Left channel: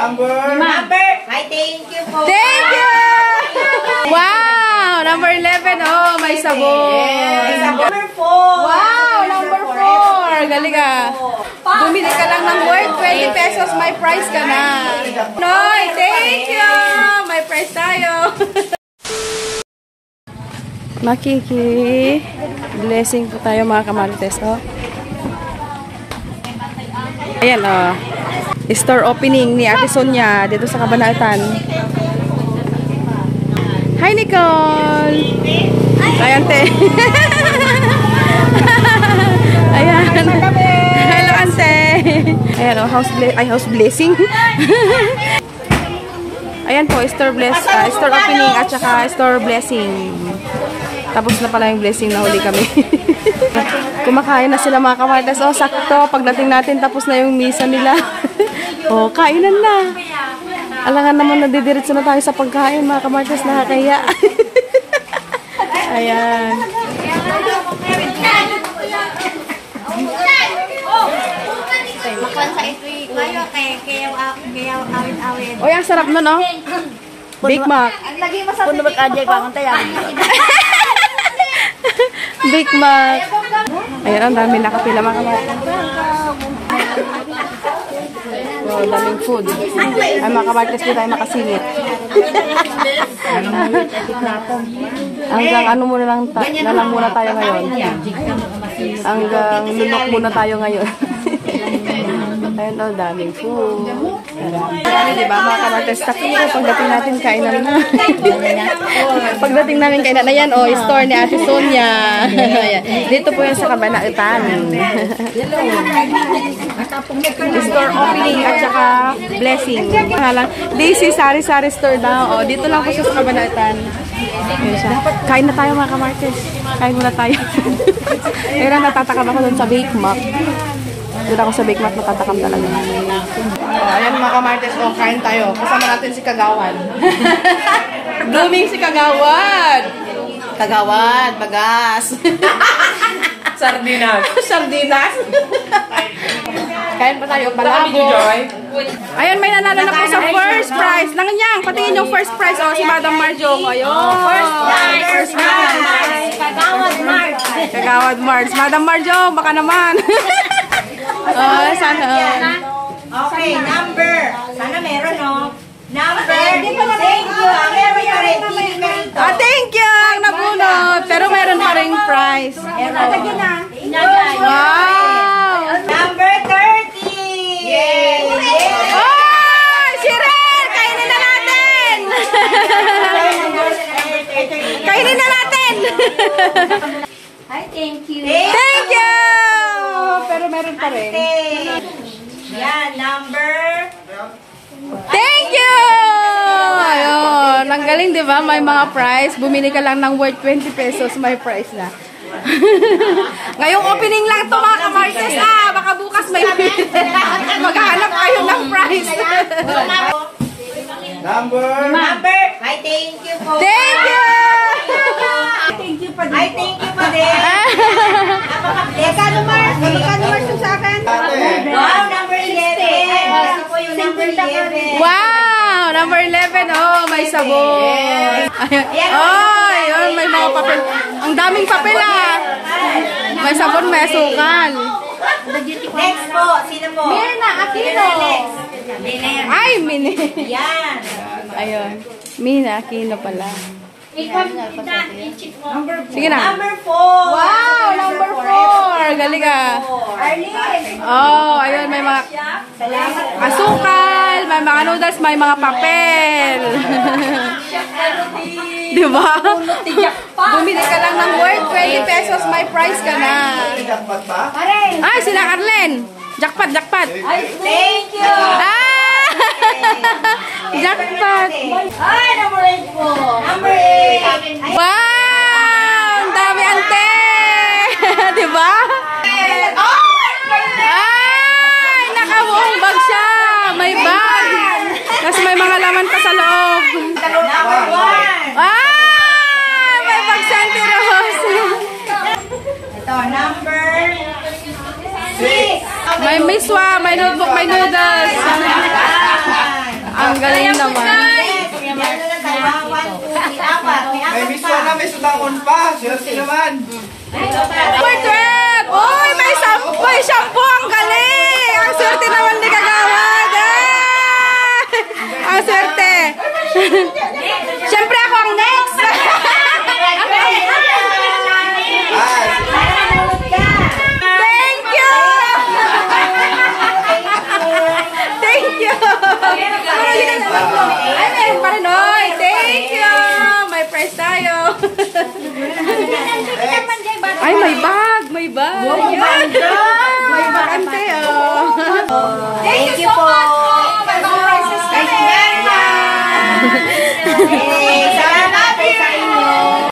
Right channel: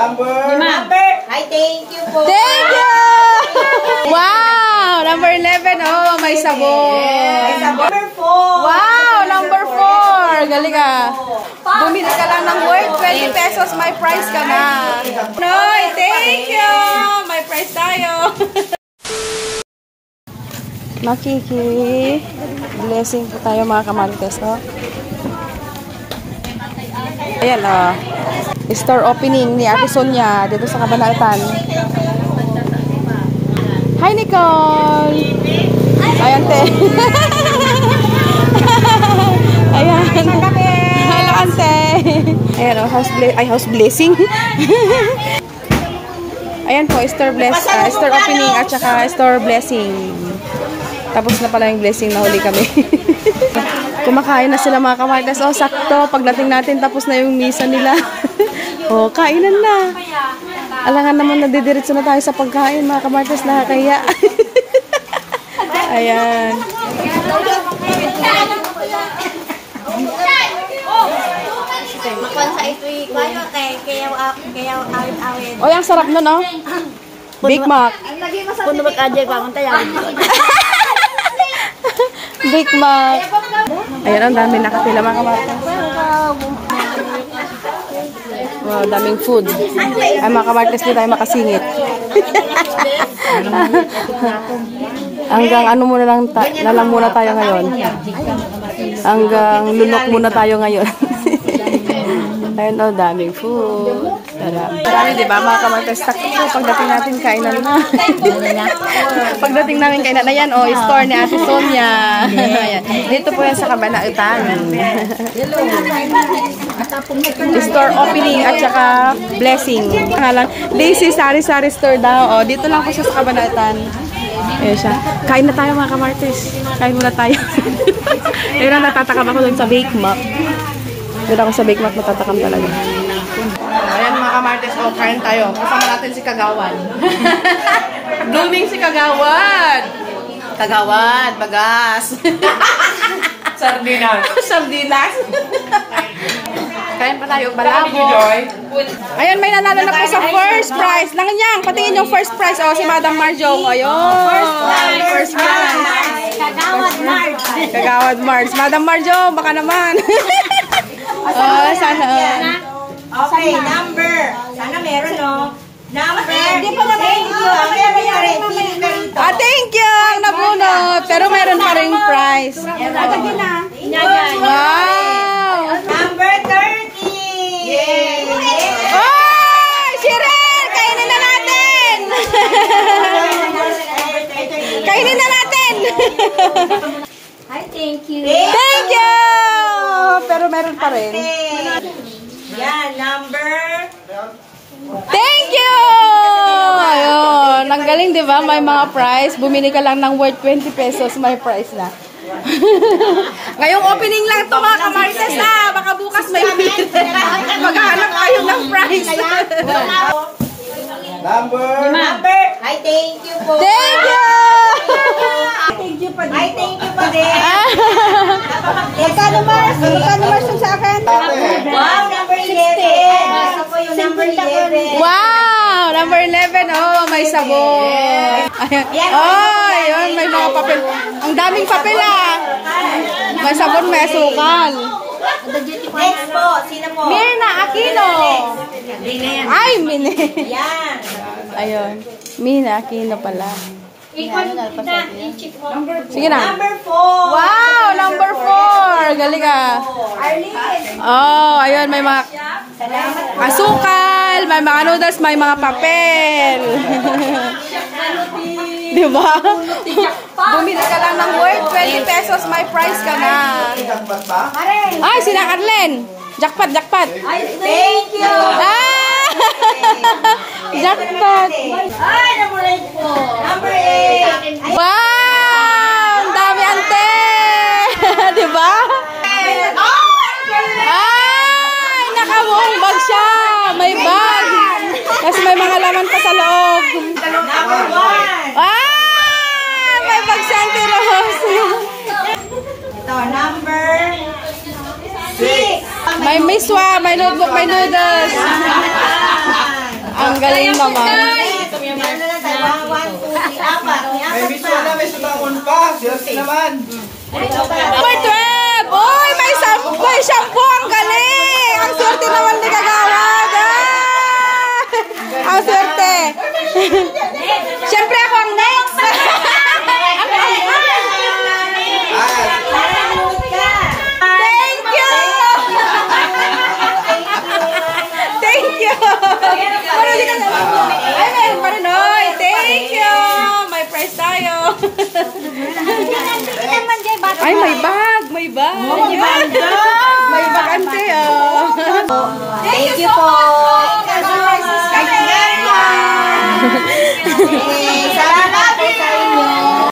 Number. Ay, thank you po. Thank you! Wow! Number 11. Oh, may sabon. Number 4. Wow! Number 4. Galing ah. Bumili ka lang ng worth 20 pesos. May price ka na. Noy, thank you! May price tayo. Makiki. Blessing po tayo mga kamarites. Oh. Ayan oh. Store opening ni Ate Sonia dito sa Cabanatuan. Hi Nicole! Ayan te. Ayan. Hello ante. Ayan oh, house blessing. Ayan po, store opening at saka store blessing. Tapos na pala yung blessing, nahuli kami. Kumakain na sila mga kamarites. Oh, sakto. Pagdating natin, tapos na yung misa nila. Oh, kainan na. Alangan naman, nadidiretso na tayo sa pagkain mga kamarites. Nakakaya. Ayan. Oh, ang sarap nun, oh. Big Mac. Puno ba kajay pa ang tayo? Big Mac. Ayan, ang dami nakapila mga kamarites. Wow, daming food. Ay, mga kamarites, di tayo makasingit. Hanggang ano muna lang, nalang muna tayo ngayon. Hanggang lunok muna tayo ngayon. Ayun o, daming food. Marami, diba mga kamarites? Sakto, pagdating natin kainan na. Pagdating namin kainan na yan, o, store ni Ate Sonia. Dito po yan sa Cabanatuan. Store opening at saka blessing. Daisy Sari-Sari Store daw. O, dito lang po siya sa Cabanatuan. Ayan siya. Kain na tayo mga kamarites. Kain muna tayo. Ayun, natatakam ako dun sa Bake Mac. Dito ako sa Bake Mac, natatakam talaga. Ayan mga kamarites, o, kain tayo. Kasama natin si Kagawad. Blooming si Kagawad. Kagawad, bagas. Sardinas. Sardinas. Kain pa tayo, palabo. Ayan, may nanalo na po sa first prize. Nanganyang, patingin yung first prize. O, si Madam Marjong. Ayun. First prize. Kagawad March. Kagawad March. Madam Marjong, baka naman. Oh, sana. Okay, number. Sana meron, no? Number. Thank you. Meron pa rin. Pili ka rito. Ah, thank you. Ang nabunot. Pero meron pa rin prize. Wow. Number 30. Yay! Oh, Shirel! Kainin na natin! Kainin na natin! Hi, thank you. Thank you! Pero meron pa rin. Yan, number. Thank you! Ayun. Ang galing, di ba? May mga prize. Bumili ka lang ng worth 20 pesos. May prize na. Ngayong opening lang to mga kamarites. Ah, baka bukas may maghahanap kayo ng prize. Number. Hi, thank you po. Thank you! Thank you pa din. Hi, thank you pa din. Magkano Mars? Magkano Mars yung sa akin? Wow, number 11. Gusto ko yung number 11. Wow! Number 11. Oh, may sabon. Ayan. Oh, yun. May mga papel. Ang daming papel ah. May sabon, may asukal. Next po. Sino po? Mina Aquino. Ay, Mina. Yan. Ayun. Mina Aquino pala. Sige na. Number 4. Wow! Number 4. Galing ah. Arlene. Oh, ayun. May mga asukal, may mga noodles, may mga papel. Diba? Bumili ka lang ng worth 20 pesos, may price ka na. Ay, sila Arlen. Jackpot, jackpot. Thank you. Ah! Jackpot. Ay, number 8 po. Number 8. Wow! Ang dami ante. Diba? Ay, nakabuong bag siya. May bag. Kasi may mga laman pa sa loob. Number 1. Ah! May bag si Auntie Rose. Ito, number 6. May miswa, may notebook, may noodles. Ang galing naman. Meron na lang tayo. 1, 2, 3, 4. May May 4 miss pa. na, may sutangon pa. Swerte naman. Number 12! Uy, may shampoo! Ang galing! Ang swerte naman ni Kagawad! Ang swerte! Siyempre ako ang next! Thank you! Thank you! Marunong ka na. Ay, may paranoy! Thank you! May prize tayo! Ay, may bag! May bag! Yan! May bag, ante, oh! Thank you po. May surprises kami! Salamat po sa inyo.